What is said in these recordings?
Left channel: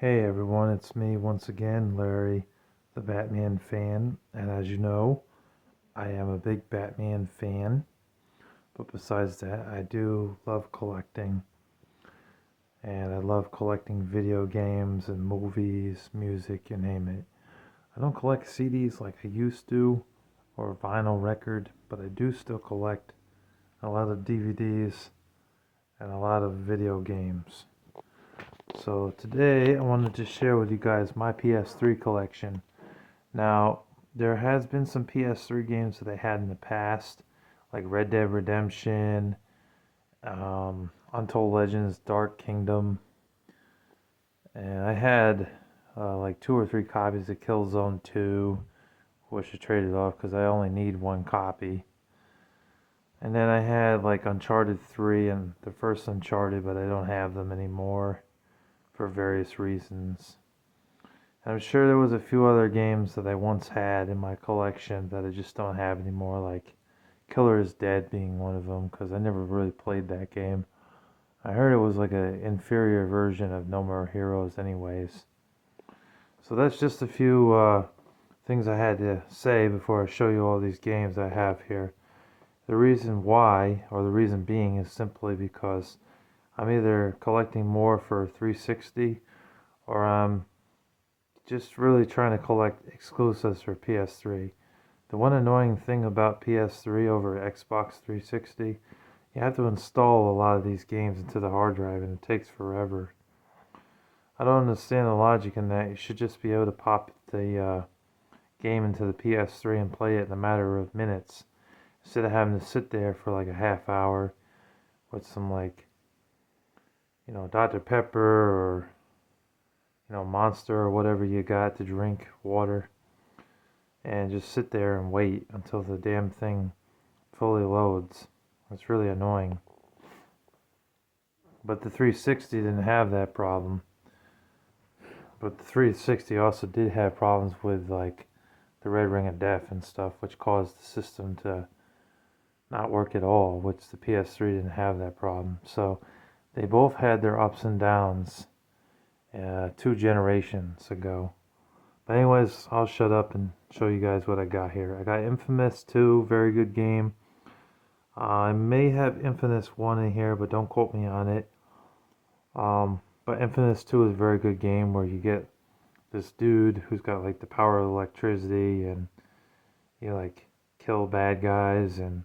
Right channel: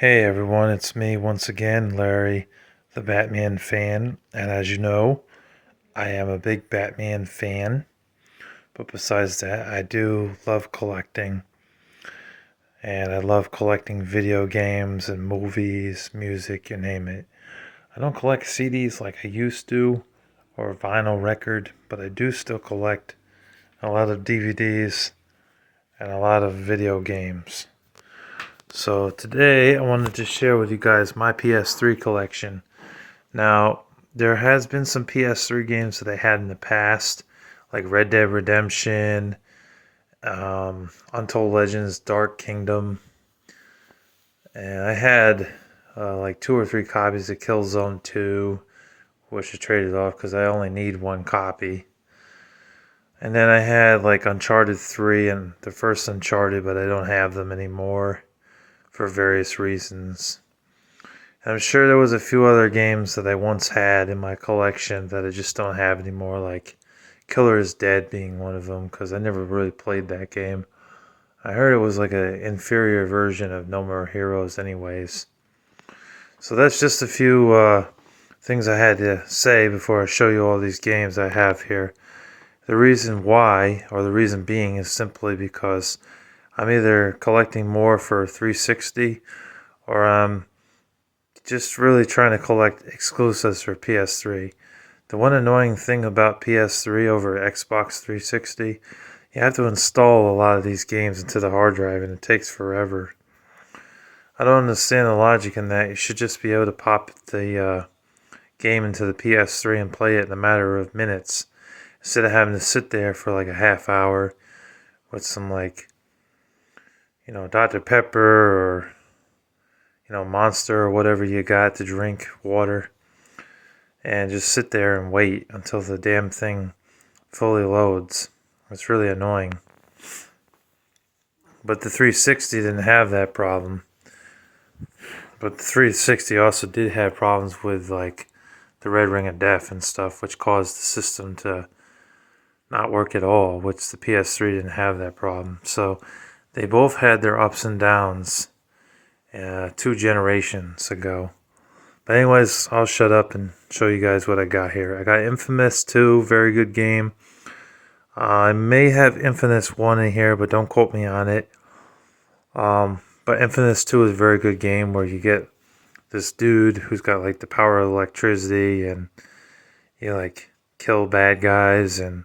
Hey everyone, it's me once again, Larry, the Batman fan. And as you know, I am a big Batman fan. But besides that, I do love collecting. And I love collecting video games and movies, music, you name it. I don't collect CDs like I used to or vinyl record, but I do still collect a lot of DVDs and a lot of video games. So today I wanted to share with you guys my PS3 collection. Now, there has been some PS3 games that I had in the past, like Red Dead Redemption, Untold Legends, Dark Kingdom, and I had like two or three copies of Killzone 2, which I traded off because I only need one copy. And then I had like Uncharted 3 and the first Uncharted, but I don't have them anymore for various reasons. I'm sure there was a few other games that I once had in my collection that I just don't have anymore, like Killer is Dead being one of them, because I never really played that game. I heard it was like an inferior version of No More Heroes anyways. So that's just a few things I had to say before I show you all these games I have here. The reason why, or the reason being, is simply because I'm either collecting more for 360 or I'm just really trying to collect exclusives for PS3. The one annoying thing about PS3 over Xbox 360, you have to install a lot of these games into the hard drive and it takes forever. I don't understand the logic in that. You should just be able to pop the game into the PS3 and play it in a matter of minutes instead of having to sit there for like a half hour with some like, Dr. Pepper or, Monster or whatever you got to drink, water, and just sit there and wait until the damn thing fully loads. It's really annoying. But the 360 didn't have that problem. But the 360 also did have problems with like the red ring of death and stuff, which caused the system to not work at all, which the PS3 didn't have that problem. So they both had their ups and downs 2 generations ago. But anyways, I'll shut up and show you guys what I got here. I got Infamous 2, very good game. I may have Infamous 1 in here, but don't quote me on it. But Infamous 2 is a very good game where you get this dude who's got like the power of electricity and you like kill bad guys and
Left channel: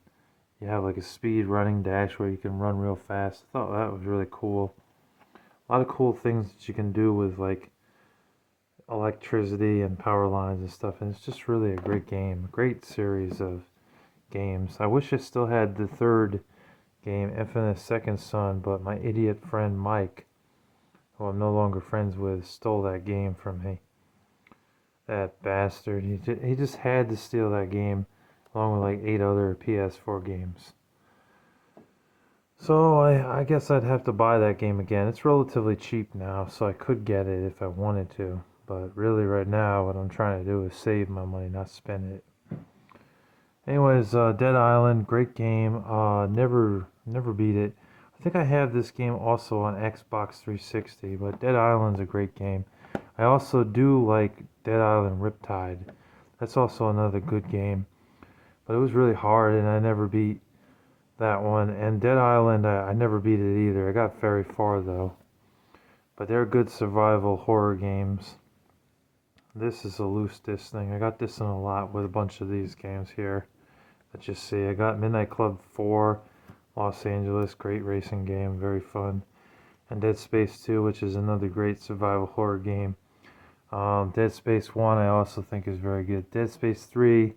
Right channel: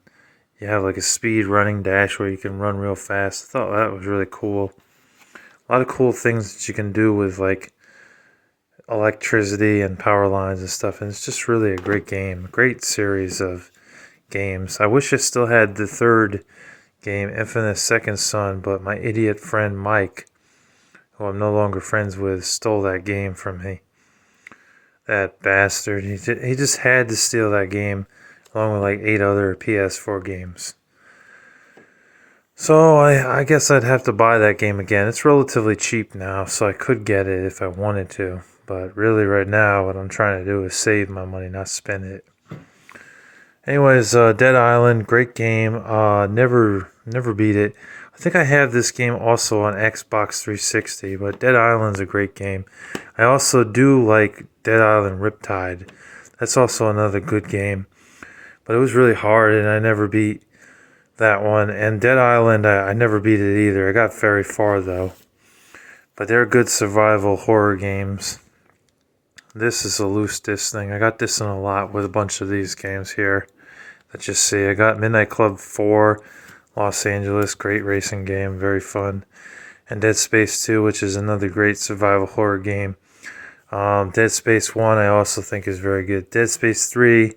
you have like a speed running dash where you can run real fast. I thought that was really cool. A lot of cool things that you can do with like electricity and power lines and stuff, and it's just really a great game. A great series of games. I wish I still had the third game, Infamous Second Son, but my idiot friend Mike, who I'm no longer friends with, stole that game from me. That bastard. He just had to steal that game along with like 8 other PS4 games. So I guess I'd have to buy that game again. It's relatively cheap now, so I could get it if I wanted to. But really right now what I'm trying to do is save my money, not spend it. Anyways, Dead Island, great game. Never beat it. I think I have this game also on Xbox 360, but Dead Island's a great game. I also do like Dead Island Riptide. That's also another good game. But it was really hard and I never beat that one. And Dead Island, I never beat it either. I got very far though. But they're good survival horror games. This is a loose disc thing. I got this in a lot with a bunch of these games here that you see. I got Midnight Club 4, Los Angeles, great racing game, very fun. And Dead Space 2, which is another great survival horror game. Dead Space 1 I also think is very good. Dead Space 3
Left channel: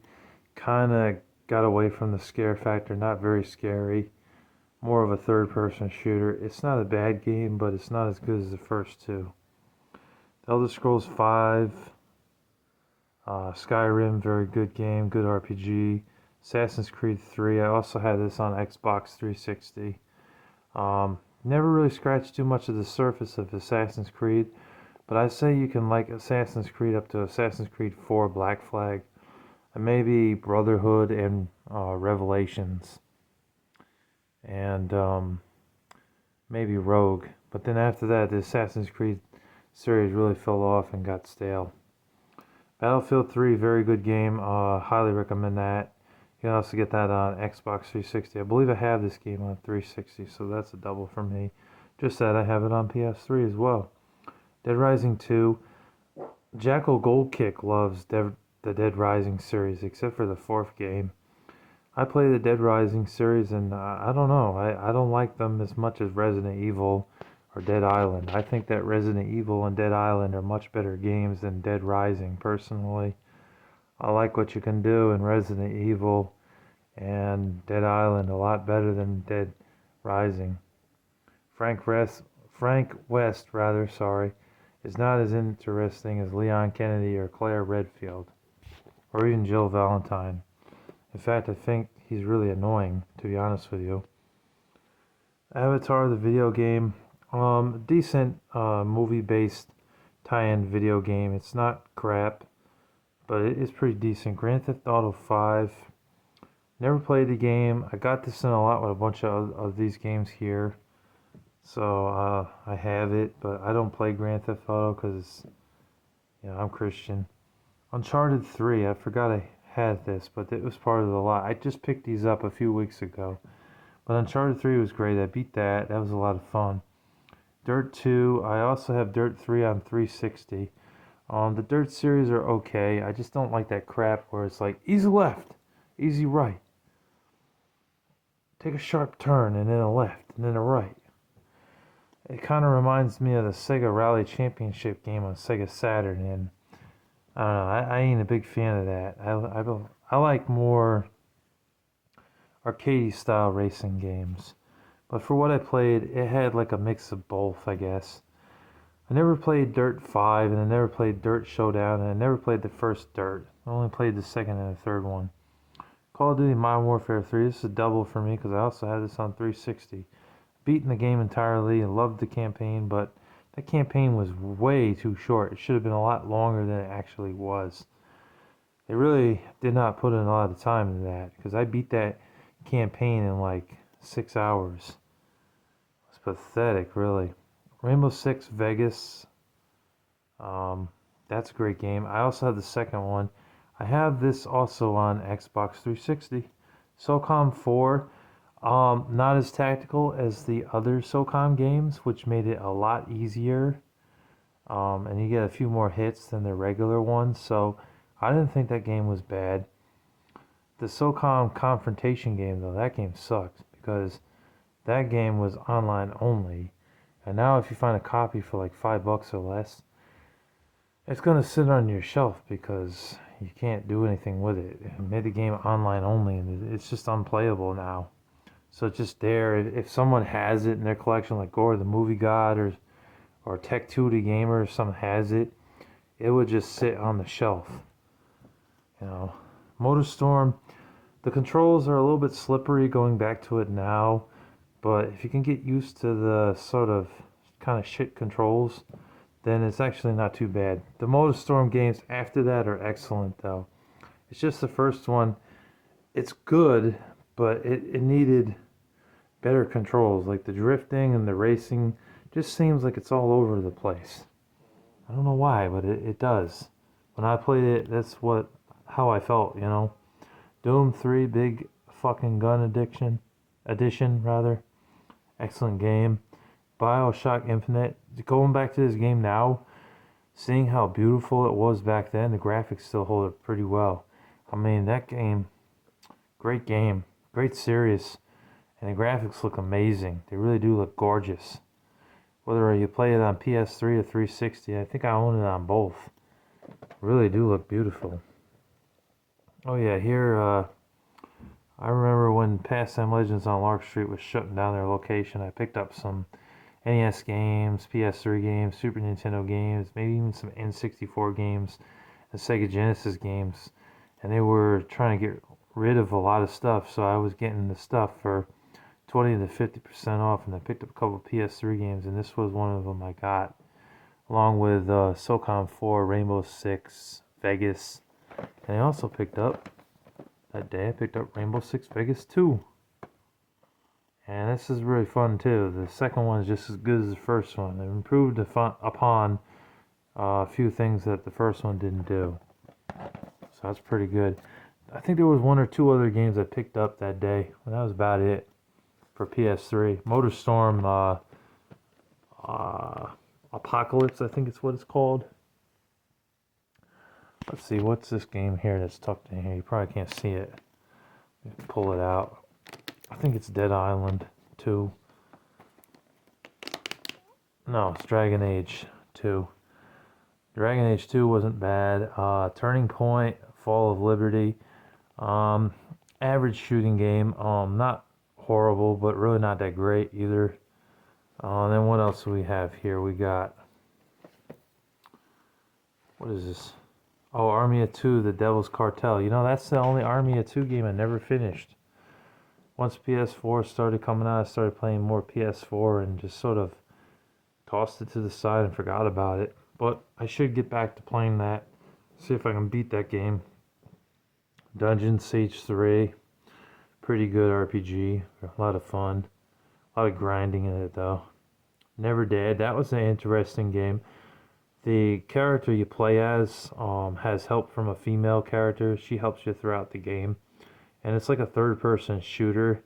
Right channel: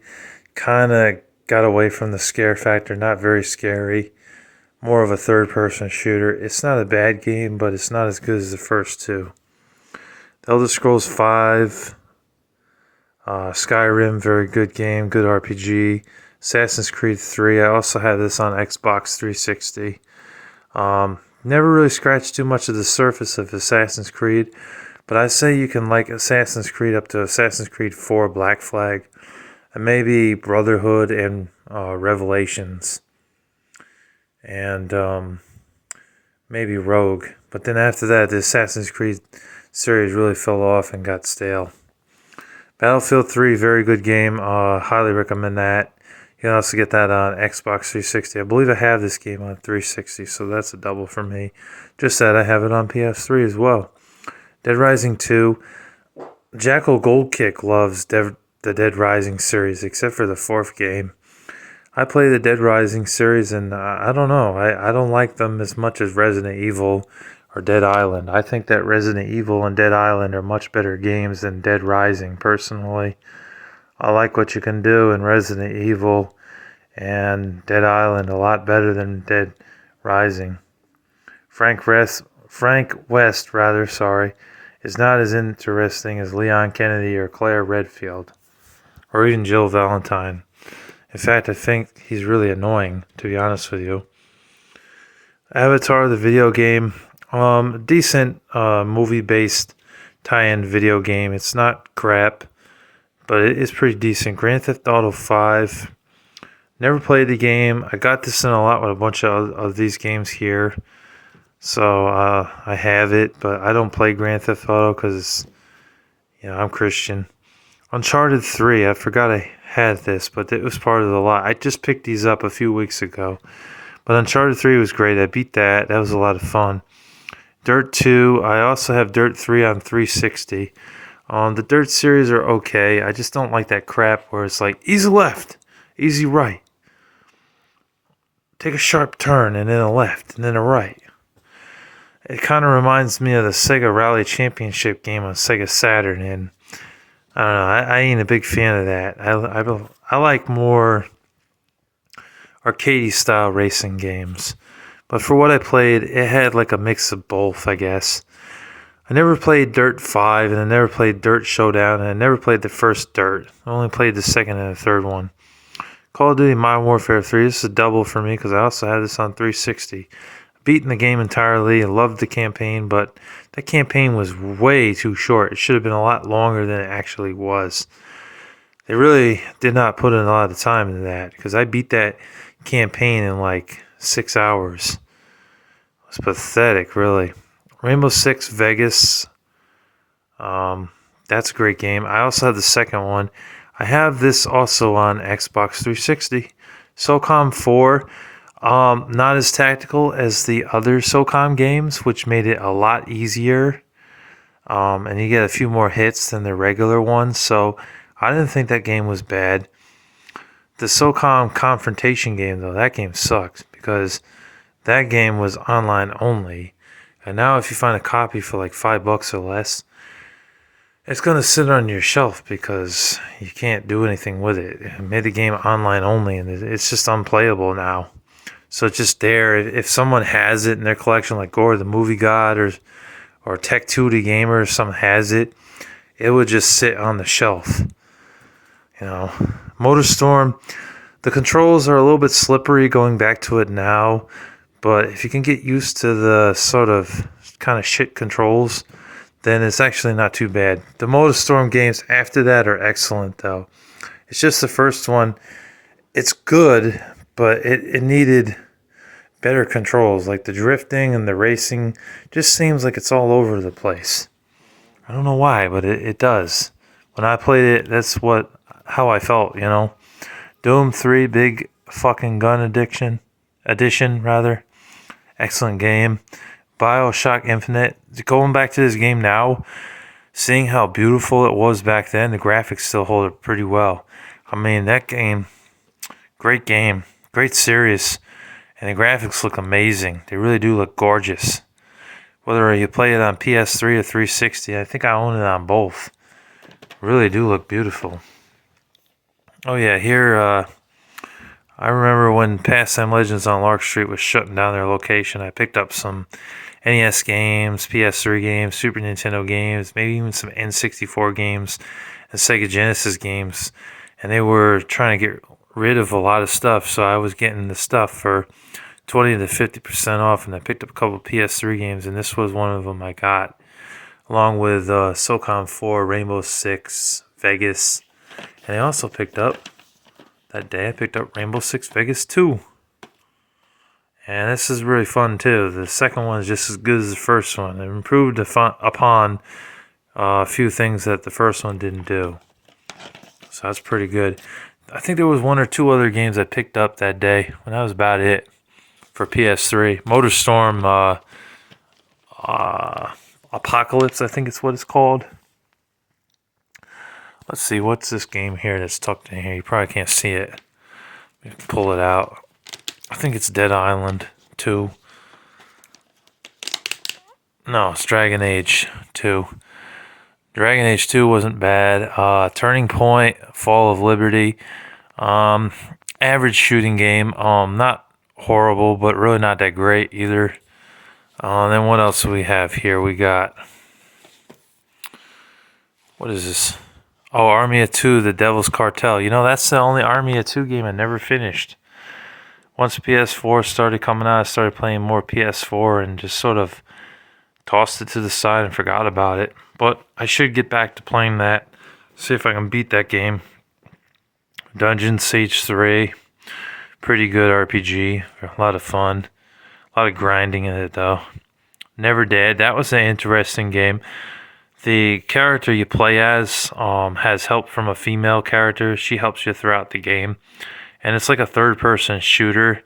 kind of got away from the scare factor, not very scary. More of a third-person shooter. It's not a bad game, but it's not as good as the first two. The Elder Scrolls 5, Skyrim, very good game, good RPG. Assassin's Creed 3, I also have this on Xbox 360. Never really scratched too much of the surface of Assassin's Creed, but I say you can like Assassin's Creed up to Assassin's Creed 4 Black Flag, and maybe Brotherhood and Revelations, and maybe Rogue. But then after that, the Assassin's Creed series really fell off and got stale. Battlefield 3, very good game. Highly recommend that. You can also get that on Xbox 360. I believe I have this game on 360, so that's a double for me. Just that I have it on PS3 as well. Dead Rising 2. Jackal Goldkick loves the Dead Rising series, except for the fourth game. I play the Dead Rising series, and I don't know. I don't like them as much as Resident Evil or Dead Island. I think that Resident Evil and Dead Island are much better games than Dead Rising, personally. I like what you can do in Resident Evil and Dead Island a lot better than Dead Rising. Frank West, is not as interesting as Leon Kennedy or Claire Redfield, or even Jill Valentine. In fact, I think he's really annoying, to be honest with you. Avatar, the video game, decent movie-based tie-in video game. It's not crap, but it is pretty decent. Grand Theft Auto 5. Never played the game. I got this in a lot with a bunch of these games here. So I have it, but I don't play Grand Theft Auto because, I'm Christian. Uncharted 3, I forgot I had this, but it was part of the lot. I just picked these up a few weeks ago. But Uncharted 3 was great. I beat that. That was a lot of fun. Dirt 2, I also have Dirt 3 on 360. The Dirt series are okay. I just don't like that crap where it's like, easy left, easy right. Take a sharp turn and then a left and then a right. It kind of reminds me of the Sega Rally Championship game on Sega Saturn, and I don't know, I ain't a big fan of that. I like more arcadey style racing games. But for what I played, it had like a mix of both, I guess. I never played Dirt 5, and I never played Dirt Showdown, and I never played the first Dirt. I only played the second and the third one. Call of Duty Modern Warfare 3, this is a double for me because I also had this on 360. Beaten the game entirely, I loved the campaign, but that campaign was way too short. It should have been a lot longer than it actually was. They really did not put in a lot of time into that because I beat that campaign in like 6 hours. It was pathetic, really. Rainbow Six Vegas, that's a great game. I also have the second one. I have this also on Xbox 360. SOCOM 4, not as tactical as the other SOCOM games, which made it a lot easier. And you get a few more hits than the regular ones, so I didn't think that game was bad. The SOCOM Confrontation game, though, that game sucks because that game was online only. And now if you find a copy for like $5 or less, it's going to sit on your shelf because you can't do anything with it. It made the game online only, and it's just unplayable now. So it's just there. If someone has it in their collection, like Gore the Movie God or Tech 2 the Gamer, if someone has it, it would just sit on the shelf. MotorStorm, the controls are a little bit slippery going back to it now, but if you can get used to the sort of kind of shit controls, then it's actually not too bad. The MotorStorm games after that are excellent, though. It's just the first one. It's good, but it needed better controls. Like the drifting and the racing just seems like it's all over the place. I don't know why, but it does. When I played it, that's how I felt, Doom 3, big fucking gun edition, excellent game. BioShock Infinite, going back to this game now, seeing how beautiful it was back then, the graphics still hold up pretty well. I mean, that game, great series, and the graphics look amazing. They really do look gorgeous. Whether you play it on PS3 or 360, I think I own it on both. Really do look beautiful. Oh yeah, here, I remember when Pastime Legends on Lark Street was shutting down their location, I picked up some NES games, PS3 games, Super Nintendo games, maybe even some N64 games and Sega Genesis games. And they were trying to get rid of a lot of stuff, so I was getting the stuff for 20 to 50% off, and I picked up a couple PS3 games, and this was one of them I got, along with SOCOM 4, Rainbow Six, Vegas. And I also picked up, that day I picked up Rainbow Six Vegas 2. And this is really fun too. The second one is just as good as the first one. It improved upon a few things that the first one didn't do. So that's pretty good. I think there was one or two other games I picked up that day, and that was about it for PS3. MotorStorm Apocalypse, I think it's what it's called. Let's see, what's this game here that's tucked in here? You probably can't see it. Pull it out. I think it's Dead Island 2. No, it's Dragon Age 2. Dragon Age 2 wasn't bad. Turning Point, Fall of Liberty. Average shooting game. Not horrible, but really not that great either. Then what else do we have here? We got... What is this? Oh, Army of Two, The Devil's Cartel. You know, that's the only Army of Two game I never finished. Once PS4 started coming out, I started playing more PS4 and just sort of tossed it to the side and forgot about it. But I should get back to playing that. See if I can beat that game. Dungeon Siege 3. Pretty good RPG. A lot of fun. A lot of grinding in it though. Never Dead. That was an interesting game. The character you play as has help from a female character. She helps you throughout the game. And it's like a third-person shooter.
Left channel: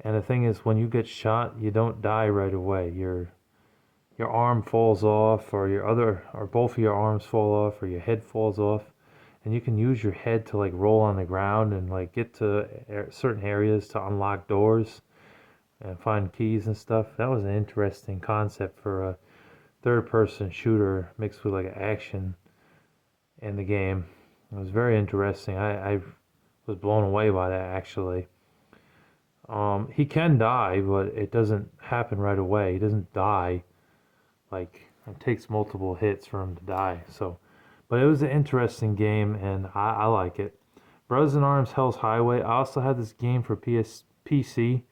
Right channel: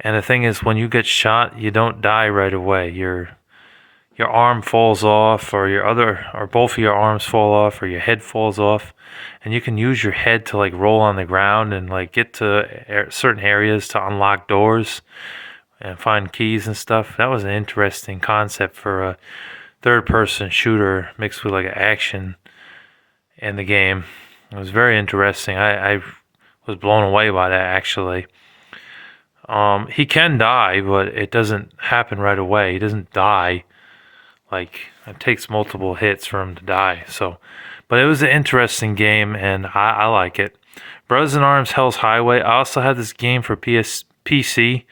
And the thing is, when you get shot, you don't die right away. Your arm falls off, or both of your arms fall off, or your head falls off. And you can use your head to like roll on the ground and like get to certain areas to unlock doors and find keys and stuff. That was an interesting concept for a third-person shooter mixed with like an action in the game. It was very interesting. I was blown away by that actually. He can die, but it doesn't happen right away. He doesn't die. Like, it takes multiple hits for him to die. So, but it was an interesting game, and I like it. Brothers in Arms Hell's Highway. I also had this game for PC.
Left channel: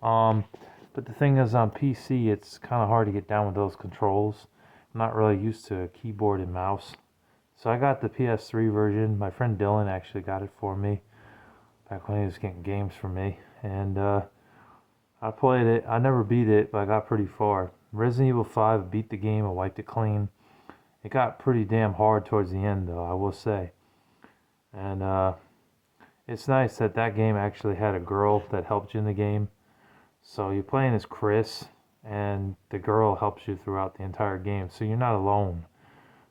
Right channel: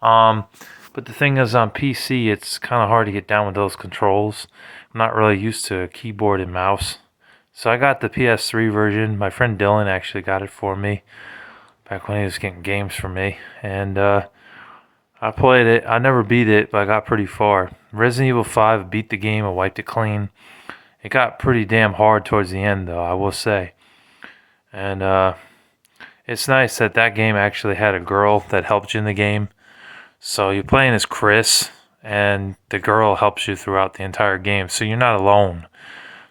But the thing is, on PC, it's kind of hard to get down with those controls. I'm not really used to a keyboard and mouse. So I got the PS3 version. My friend Dylan actually got it for me back when he was getting games for me. And I played it. I never beat it, but I got pretty far. Resident Evil 5, beat the game. I wiped it clean. It got pretty damn hard towards the end, though, I will say. And it's nice that that game actually had a girl that helped you in the game. So you're playing as Chris, and the girl helps you throughout the entire game. So you're not alone.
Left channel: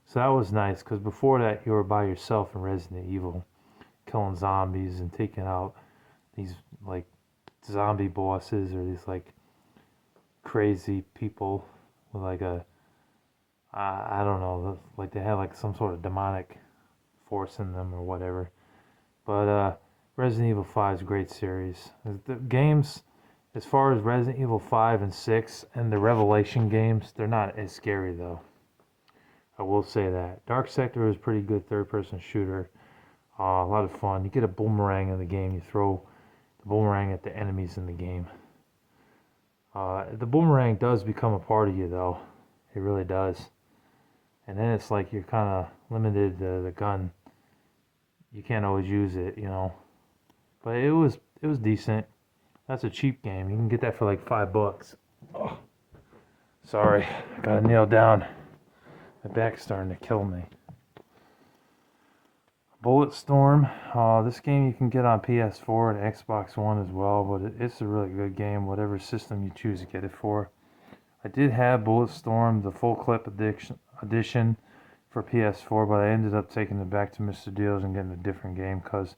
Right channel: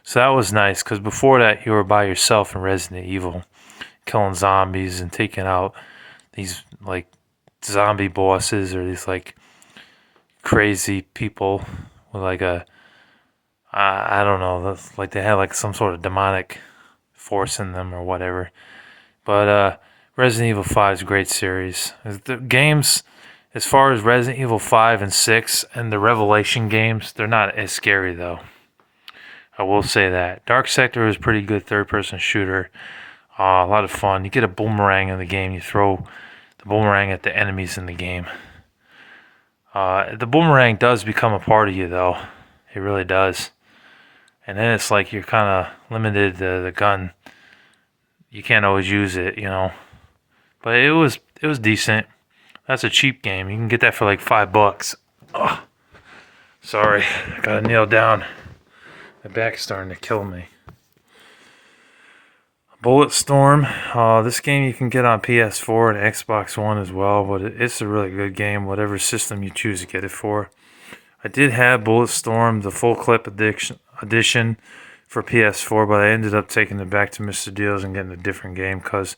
So that was nice, because before that, you were by yourself in Resident Evil, killing zombies and taking out these, like, zombie bosses or these, like, crazy people with, like, I don't know, like they had, like, some sort of demonic force in them or whatever. But Resident Evil 5 is a great series. The games... As far as Resident Evil 5 and 6 and the Revelation games, they're not as scary, though. I will say that. Dark Sector is a pretty good third-person shooter. A lot of fun. You get a boomerang in the game. You throw the boomerang at the enemies in the game. The boomerang does become a part of you, though. It really does. And then it's like you're kind of limited to the gun. You can't always use it, you know. But it was decent. That's a cheap game. You can get that for like $5. Ugh. Sorry, I gotta kneel down. My back's starting to kill me. Bulletstorm. This game you can get on PS4 and Xbox One as well, but it's a really good game, whatever system you choose to get it for. I did have Bulletstorm, the full clip edition for PS4, but I ended up taking it back to Mr. Deals and getting a different game because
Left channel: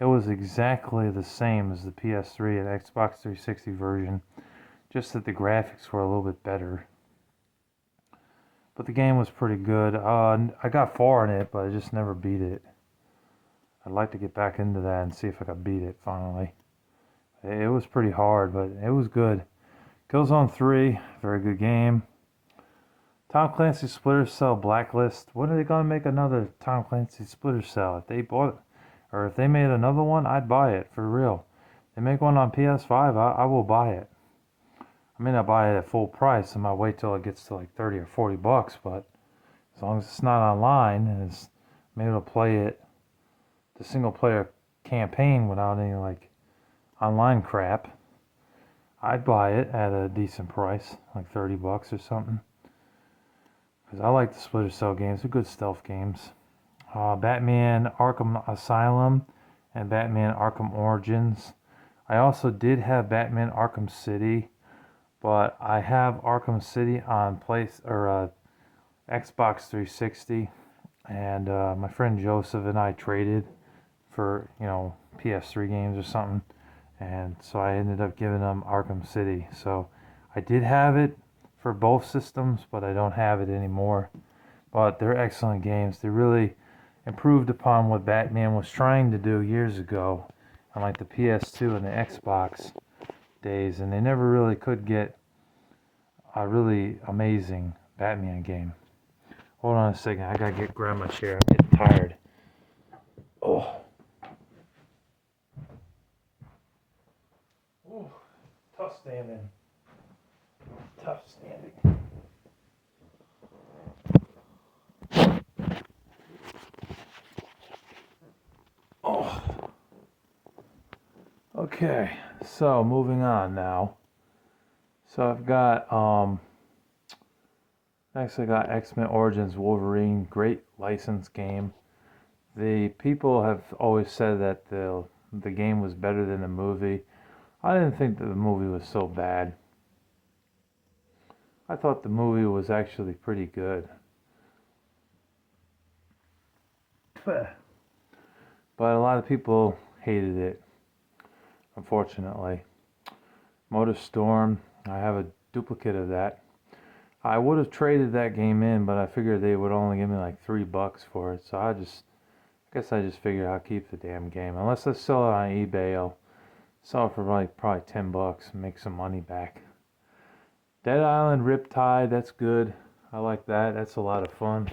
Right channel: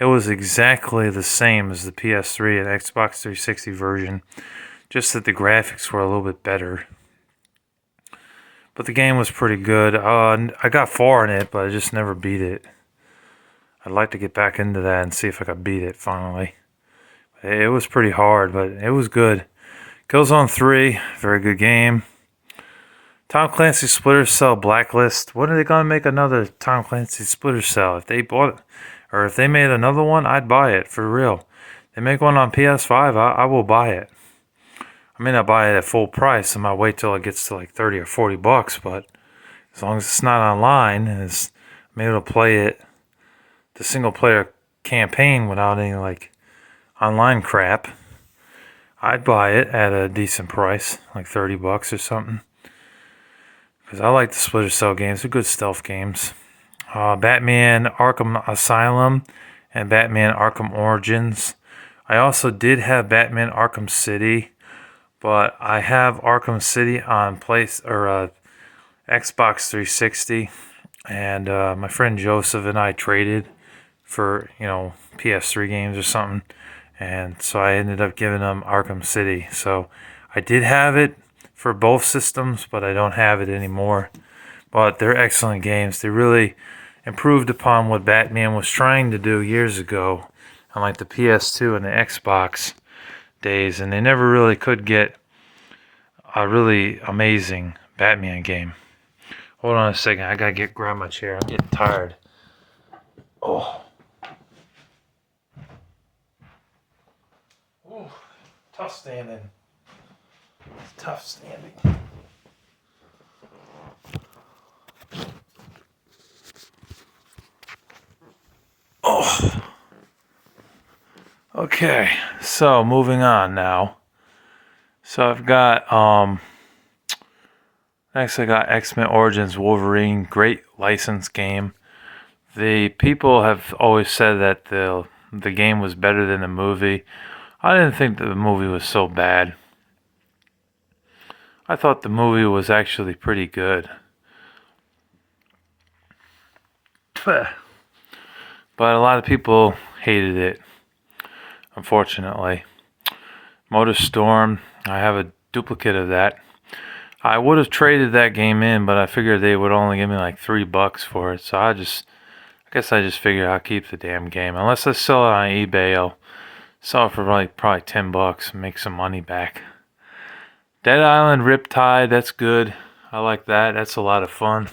it was exactly the same as the PS3 and Xbox 360 version, just that the graphics were a little bit better. But the game was pretty good. I got far in it, but I just never beat it. I'd like to get back into that and see if I could beat it finally. It was pretty hard, but it was good. Killzone 3, very good game. Tom Clancy Splinter Cell Blacklist. When are they going to make another Tom Clancy Splinter Cell? If they bought it, or if they made another one, I'd buy it, for real. They make one on PS5, I will buy it. I may not buy it at full price. I might wait till it gets to like 30 or 40 bucks, but as long as it's not online and I'm able to play it, the single player campaign without any like online crap, I'd buy it at a decent price, like $30 or something. Because I like the Splinter Cell games. They're good stealth games. Batman Arkham Asylum and Batman Arkham Origins. I also did have Batman Arkham City, but I have Arkham City on Xbox 360, and my friend Joseph and I traded for PS3 games or something, and so I ended up giving him Arkham City. So I did have it for both systems, but I don't have it anymore. But they're excellent games. They really improved upon what Batman was trying to do years ago on like the PS2 and the Xbox days, and they never really could get a really amazing Batman game. Hold on a second, I gotta grab my chair. I'm getting tired. Oh, ooh, tough standing. Tough standing. Oh. Okay, so moving on now. So I've got next I got X-Men Origins Wolverine, great license game. The people have always said that the game was better than the movie. I didn't think that the movie was so bad. I thought the movie was actually pretty good. But a lot of people hated it, unfortunately. MotorStorm, I have a duplicate of that. I would have traded that game in, but I figured they would only give me like $3 for it. So I guess I just figured I'll keep the damn game. Unless I sell it on eBay, I'll sell it for like probably $10 and make some money back. Dead Island Riptide, that's good. I like that. That's a lot of fun.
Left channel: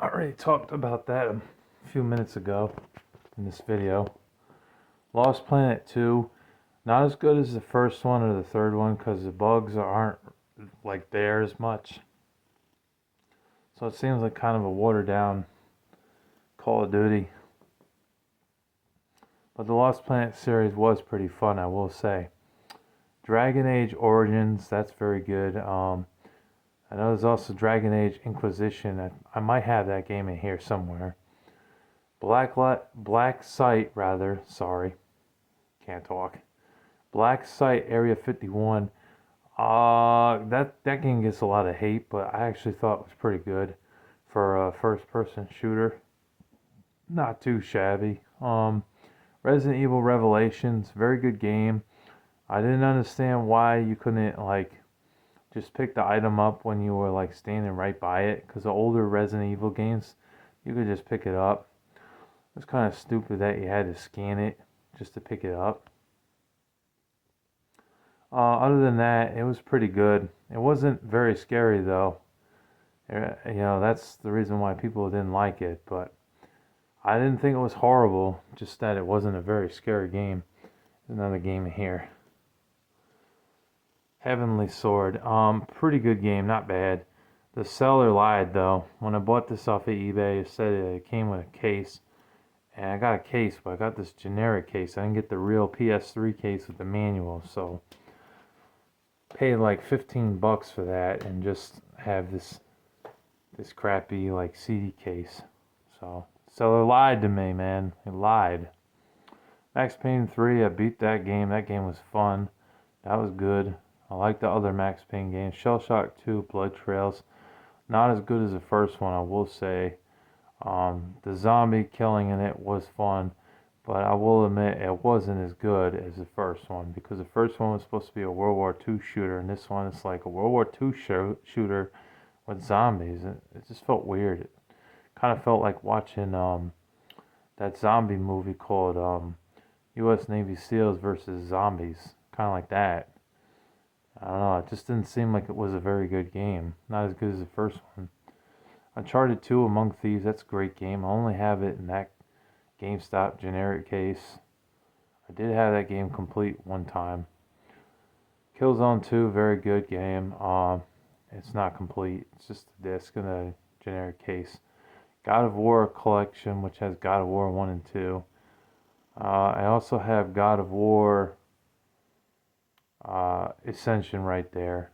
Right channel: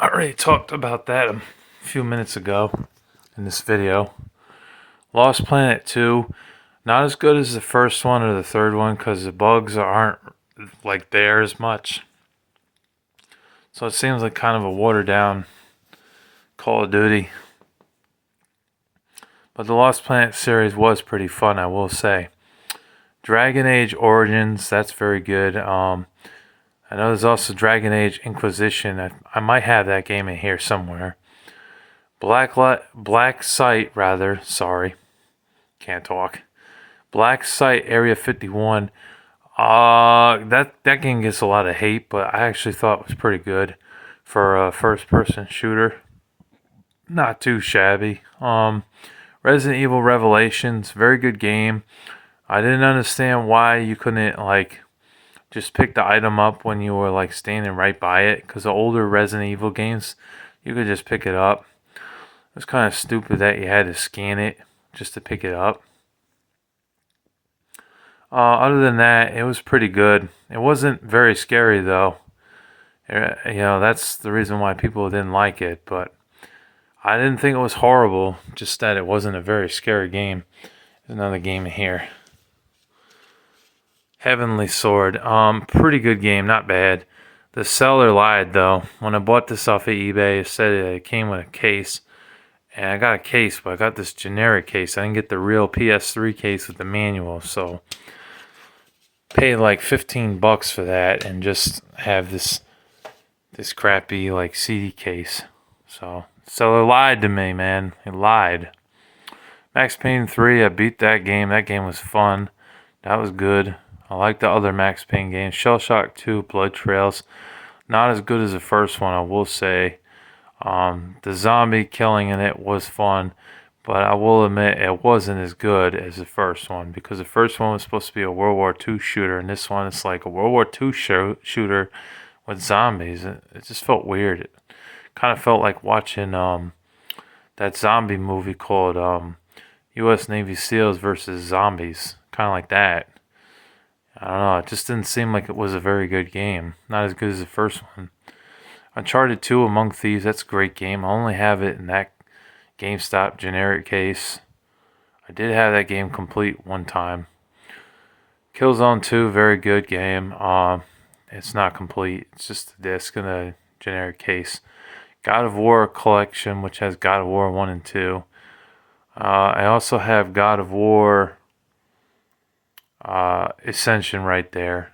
I already talked about that a few minutes ago in this video. Lost Planet 2, not as good as the first one or the third one because the bugs aren't like there as much. So it seems like kind of a watered down Call of Duty. But the Lost Planet series was pretty fun, I will say. Dragon Age Origins, that's very good. I know there's also Dragon Age Inquisition. I might have that game in here somewhere. Black Site, rather. Sorry, can't talk. Black Site Area 51. That game gets a lot of hate, but I actually thought it was pretty good for a first-person shooter. Not too shabby. Resident Evil Revelations, very good game. I didn't understand why you couldn't like just pick the item up when you were like standing right by it, because the older Resident Evil games you could just pick it up. It was kind of stupid that you had to scan it just to pick it up. Other than that, it was pretty good. It wasn't very scary though. That's the reason why people didn't like it, but I didn't think it was horrible, just that it wasn't a very scary game. There's another game in here. Heavenly Sword. Pretty good game, not bad. The seller lied though. When I bought this off of eBay, it said it came with a case. And I got a case, but I got this generic case. I didn't get the real PS3 case with the manual, so paid like $15 for that and just have this crappy like CD case. So seller lied to me, man. He lied. Max Payne 3, I beat that game. That game was fun. That was good. I like the other Max Payne games. Shell Shock 2, Blood Trails. Not as good as the first one, I will say. The zombie killing in it was fun, but I will admit it wasn't as good as the first one, because the first one was supposed to be a World War II shooter, and this one is like a World War II shooter with zombies. It just felt weird. It kind of felt like watching that zombie movie called U.S. Navy SEALs versus Zombies, kind of like that. I don't know. It just didn't seem like it was a very good game. Not as good as the first one. Uncharted 2 Among Thieves, that's a great game. I only have it in that GameStop generic case. I did have that game complete one time. Killzone 2, very good game. It's not complete. It's just a disc in a generic case. God of War Collection, which has God of War 1 and 2. I also have God of War Ascension right there.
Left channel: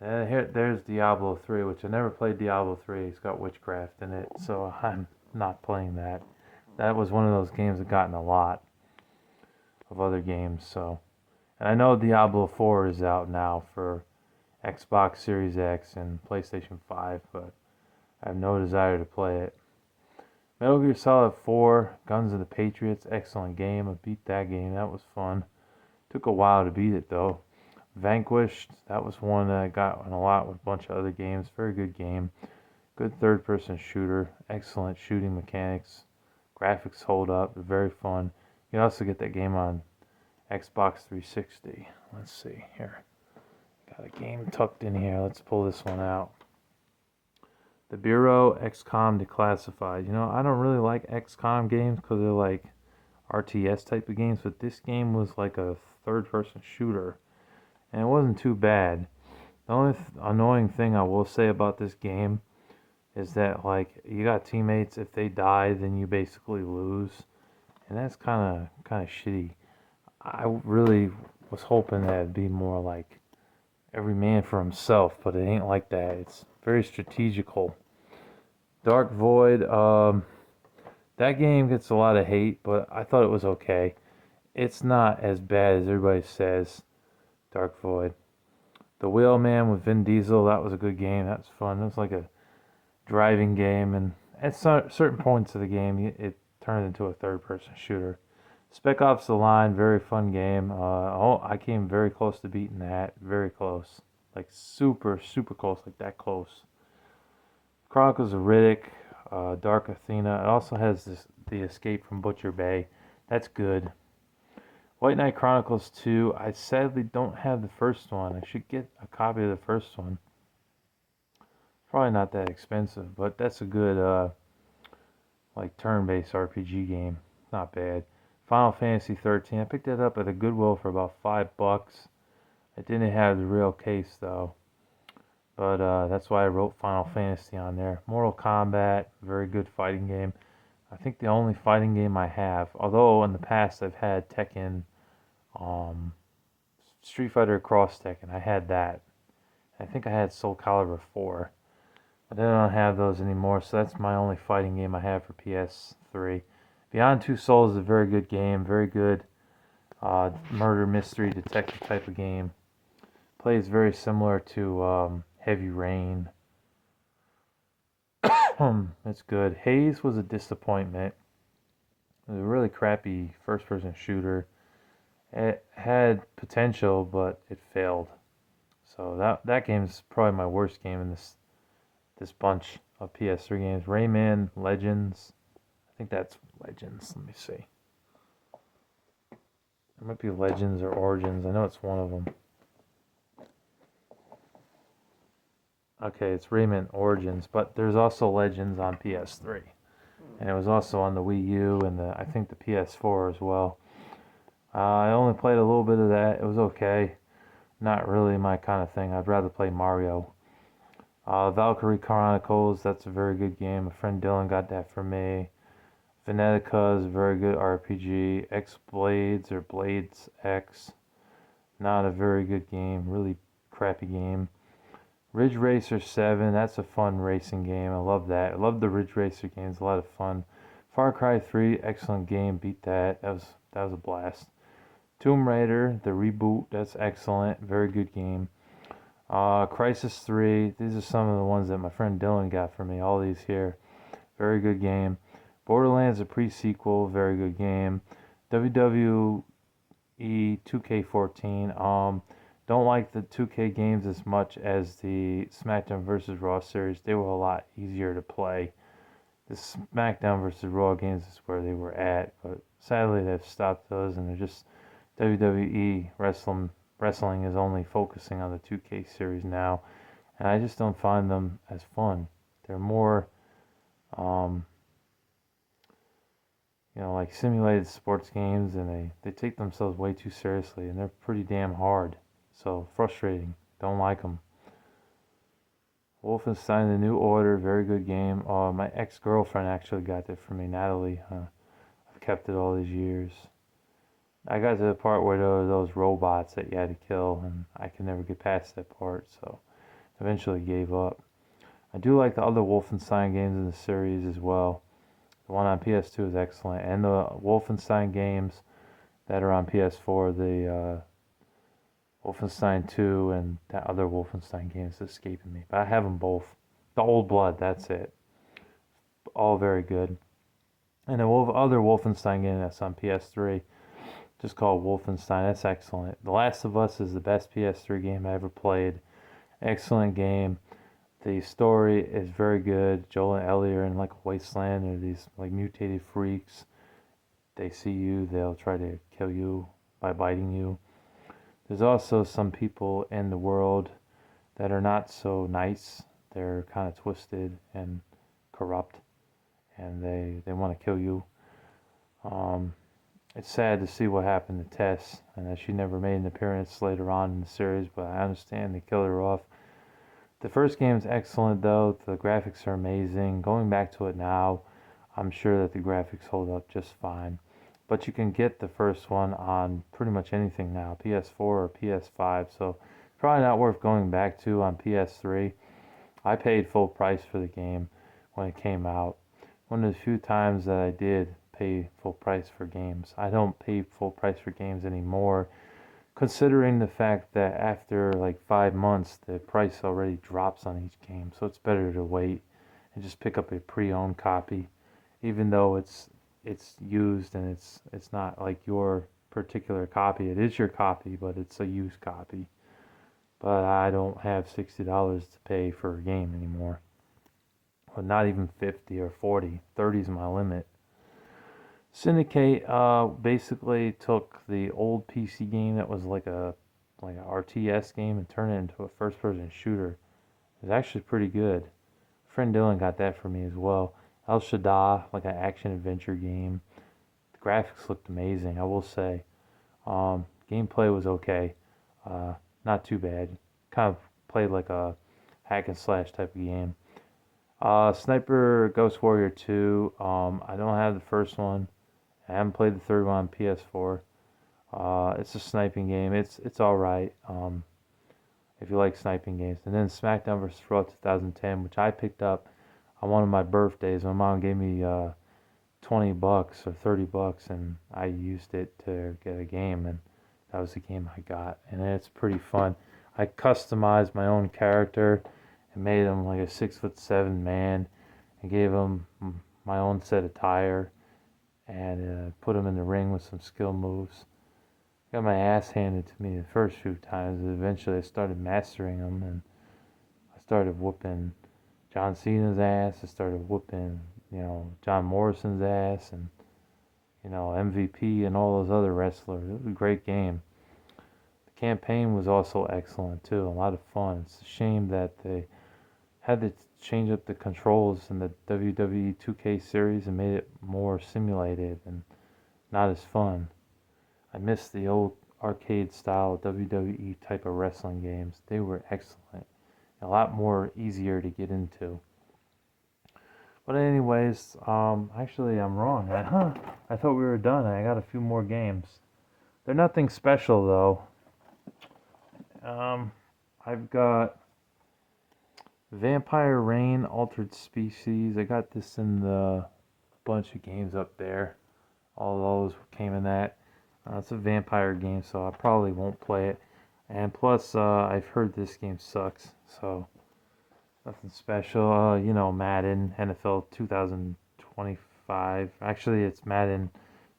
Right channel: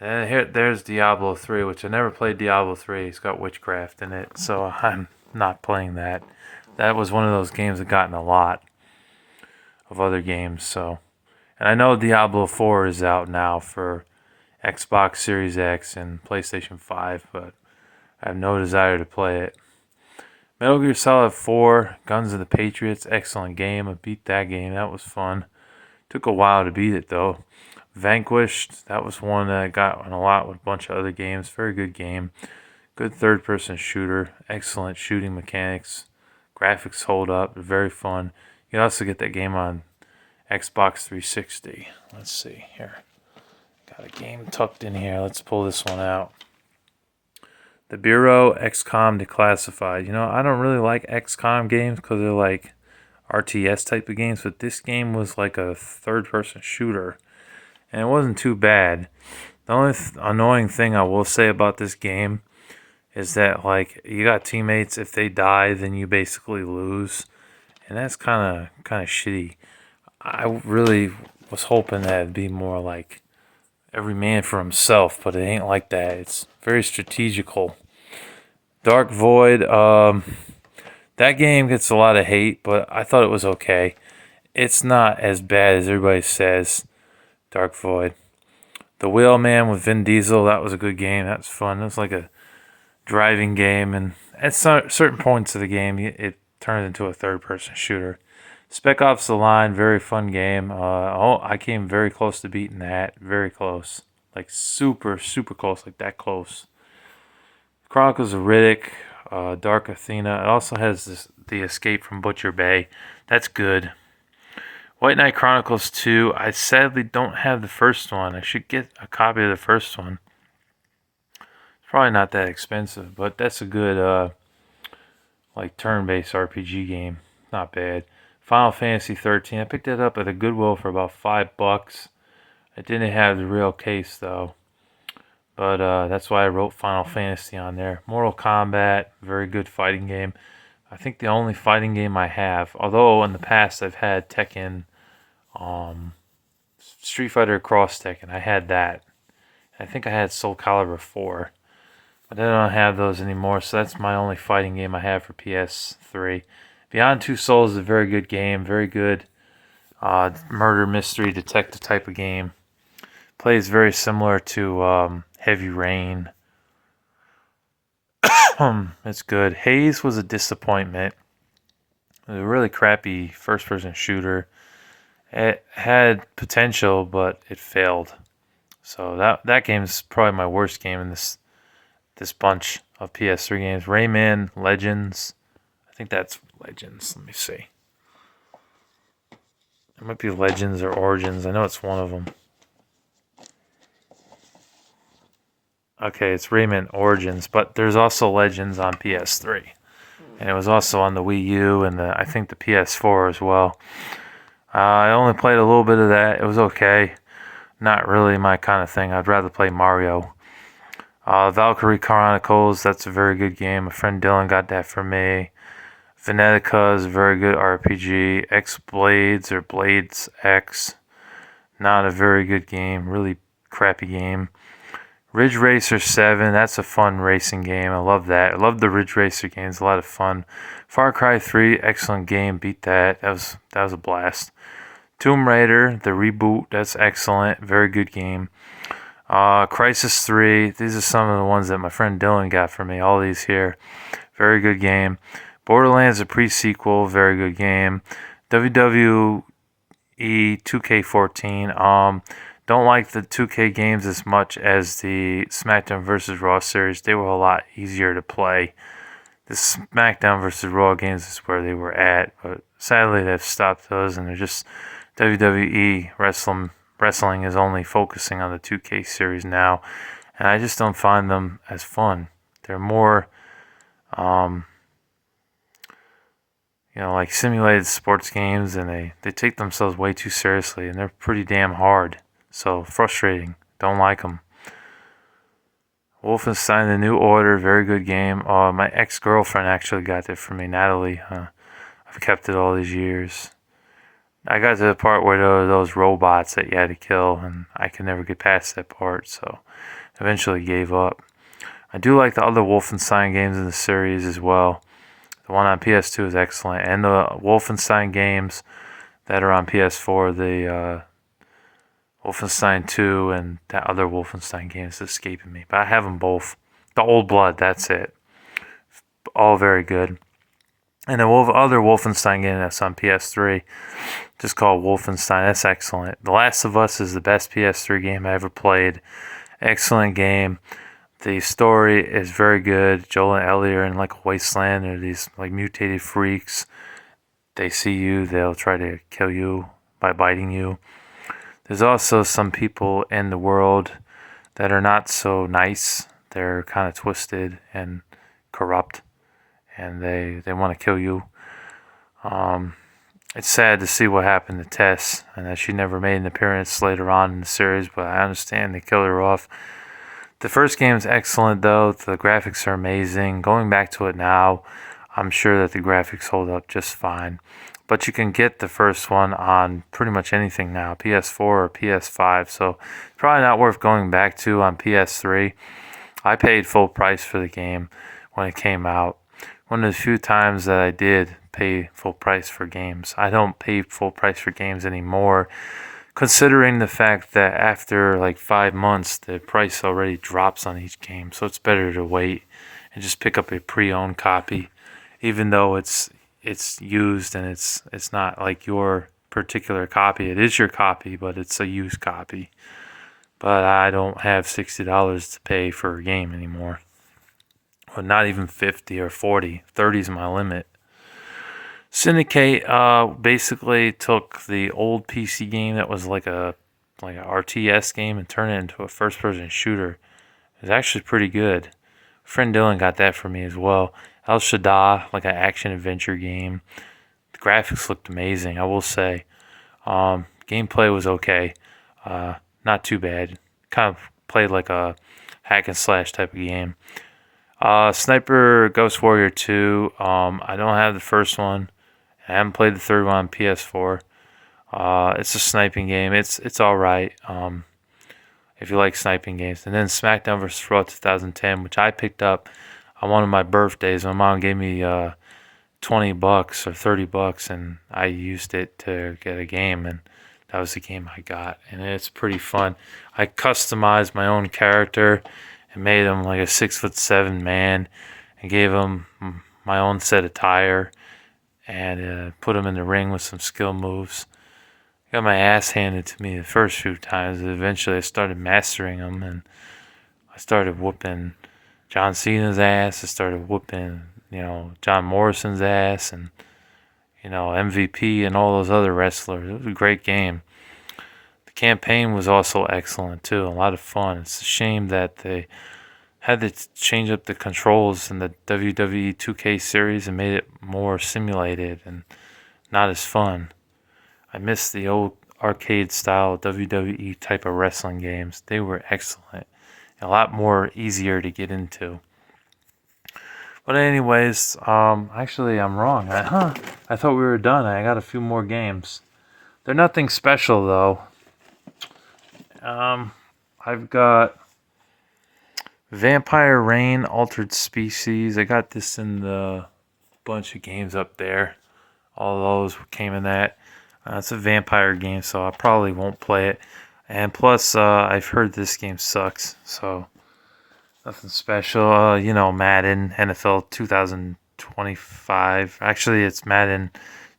And then there's Diablo 3, which I never played Diablo 3. It's got witchcraft in it, so I'm not playing that. That was one of those games that got in a lot of other games, so. And I know Diablo 4 is out now for Xbox Series X and PlayStation 5, but I have no desire to play it. Metal Gear Solid 4, Guns of the Patriots, excellent game. I beat that game. That was fun. Took a while to beat it, though. Vanquished, that was one that I got on a lot with a bunch of other games. Very good game. Good third-person shooter. Excellent shooting mechanics. Graphics hold up. Very fun. You can also get that game on Xbox 360. Let's see here. Got a game tucked in here. Let's pull this one out. The Bureau, XCOM Declassified. You know, I don't really like XCOM games because they're like RTS type of games, but this game was like a third-person shooter, and it wasn't too bad. The only annoying thing I will say about this game is that like you got teammates. If they die, then you basically lose, and that's kind of shitty. I really was hoping that it'd be more like every man for himself, but it ain't like that. It's very strategical. Dark Void. That game gets a lot of hate, but I thought it was okay. It's not as bad as everybody says. Dark Void. The Wheelman with Vin Diesel, that was a good game. That was fun. It was like a driving game, and at certain points of the game, it turned into a third-person shooter. Spec Ops: The Line, very fun game. I came very close to beating that. Very close. Like super, super close. Like that close. Chronicles of Riddick, Dark Athena. It also has the Escape from Butcher Bay. That's good. White Knight Chronicles 2. I sadly don't have the first one. I should get a copy of the first one. It's probably not that expensive, but that's a good like turn-based RPG game. Not bad. Final Fantasy 13. I picked that up at a Goodwill for about $5. It didn't have the real case though. But that's why I wrote Final Fantasy on there. Mortal Kombat, very good fighting game. I think the only fighting game I have, although in the past I've had Tekken, Street Fighter Cross Tekken. I had that. I think I had Soul Calibur 4. But I don't have those anymore, so that's my only fighting game I have for PS3. Beyond Two Souls is a very good game. Very good murder mystery detective type of game. Plays very similar to Heavy Rain. It's good. Haze was a disappointment. It was a really crappy first-person shooter. It had potential, but it failed. So that game is probably my worst game in this bunch of PS3 games. Rayman Legends. I think that's Legends. Let me see. It might be Legends or Origins. I know it's one of them. Okay, it's Rayman Origins, but there's also Legends on PS3. And it was also on the Wii U and I think the PS4 as well. I only played a little bit of that. It was okay. Not really my kind of thing. I'd rather play Mario. Valkyrie Chronicles, that's a very good game. My friend Dylan got that for me. Venetica is a very good RPG. X Blades or Blades X, not a very good game. Really crappy game. Ridge Racer 7, that's a fun racing game. I love that. I love the Ridge Racer games, a lot of fun. Far Cry 3, excellent game. Beat that. That was a blast. Tomb Raider, the reboot, that's excellent. Very good game. Crisis 3, these are some of the ones that my friend Dylan got for me. All these here. Very good game. Borderlands, a pre-sequel, very good game. WWE 2K14. Don't like the 2K games as much as the SmackDown vs. Raw series. They were a lot easier to play. The SmackDown vs. Raw games is where they were at, but sadly they've stopped those, and they're just WWE wrestling is only focusing on the 2K series now, and I just don't find them as fun. They're more, like simulated sports games, and they take themselves way too seriously, and they're pretty damn hard. So frustrating. Don't like them. Wolfenstein: The New Order, very good game. My ex-girlfriend actually got it for me, Natalie. I've kept it all these years. I got to the part where there were those robots that you had to kill, and I could never get past that part, so eventually gave up. I do like the other Wolfenstein games in the series as well. The one on PS2 is excellent, and the Wolfenstein games that are on PS4, the Wolfenstein 2 and that other Wolfenstein game is escaping me. But I have them both. The Old Blood, that's it. All very good. And the other Wolfenstein game that's on PS3, just called Wolfenstein, that's excellent. The Last of Us is the best PS3 game I ever played. Excellent game. The story is very good. Joel and Ellie are in like a wasteland. They're these like mutated freaks. They see you, they'll try to kill you by biting you. There's also some people in the world that are not so nice. They're kind of twisted and corrupt, and they want to kill you. It's sad to see what happened to Tess, and that she never made an appearance later on in the series, but I understand they killed her off. The first game is excellent, though. The graphics are amazing. Going back to it now, I'm sure that the graphics hold up just fine. But you can get the first one on pretty much anything now, PS4 or PS5, so it's probably not worth going back to on PS3. I paid full price for the game when it came out. One of the few times that I did pay full price for games. I don't pay full price for games anymore, considering the fact that after like 5 months, the price already drops on each game. So it's better to wait and just pick up a pre-owned copy, even though it's used and it's not like your particular copy. It is your copy, but it's a used copy. But I don't have $60 to pay for a game anymore. Or not even 50 or 40. 30 is my limit. Syndicate basically took the old PC game that was like an RTS game and turned it into a first-person shooter. It was actually pretty good. Friend Dylan got that for me as well. El Shaddai, like an action-adventure game. The graphics looked amazing, I will say. Gameplay was okay. Not too bad. Kind of played like a hack and slash type of game. Sniper Ghost Warrior 2. I don't have the first one. I haven't played the third one on PS4. It's a sniping game. It's all right. If you like sniping games. And then SmackDown vs. Raw 2010, which I picked up on one of my birthdays. My mom gave me $20 or $30, and I used it to get a game, and that was the game I got. And it's pretty fun. I customized my own character and made him like a 6'7" man, and gave him my own set of attire, and put him in the ring with some skill moves. Got my ass handed to me the first few times. Eventually, I started mastering them, and I started whooping John Cena's ass. I started whooping, John Morrison's ass, and MVP and all those other wrestlers. It was a great game. The campaign was also excellent too. A lot of fun. It's a shame that they had to change up the controls in the WWE 2K series and made it more simulated and not as fun. I miss the old arcade style WWE type of wrestling games. They were excellent. A lot more easier to get into. But anyways, actually I'm wrong. I thought we were done. I got a few more games. They're nothing special though. I've got Vampire Reign Altered Species. I got this in the bunch of games up there. All those came in that. It's a vampire game, so I probably won't play it. And plus, I've heard this game sucks, so nothing special. Madden NFL 2025. Actually, it's Madden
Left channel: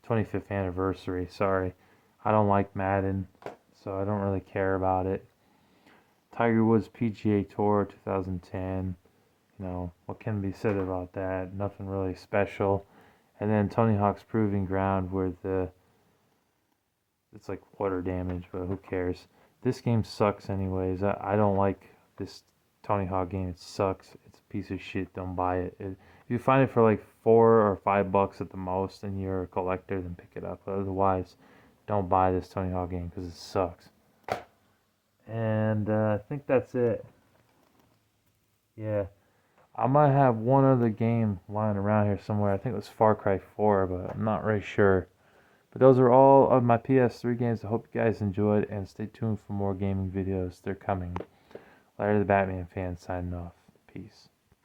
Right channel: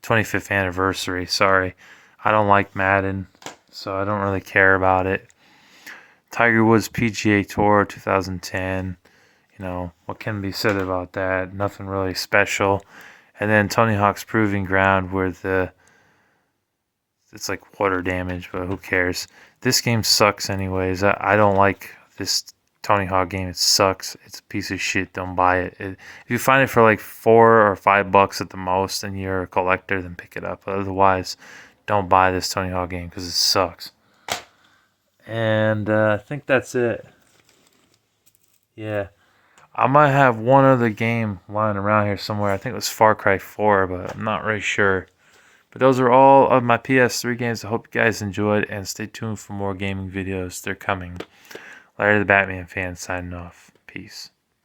25th anniversary. Sorry, I don't like Madden, so I don't really care about it. Tiger Woods PGA Tour 2010. What can be said about that? Nothing really special. And then Tony Hawk's Proving Ground, where it's like water damage, but who cares? This game sucks anyways. I don't like this Tony Hawk game. It sucks. It's a piece of shit. Don't buy it. If you find it for like $4 or $5 at the most and you're a collector, then pick it up. Otherwise, don't buy this Tony Hawk game because it sucks. And I think that's it. Yeah. I might have one other game lying around here somewhere. I think it was Far Cry 4, but I'm not really sure. But those are all of my PS3 games. I hope you guys enjoyed, and stay tuned for more gaming videos. They're coming. Larry the Batman fan signing off. Peace.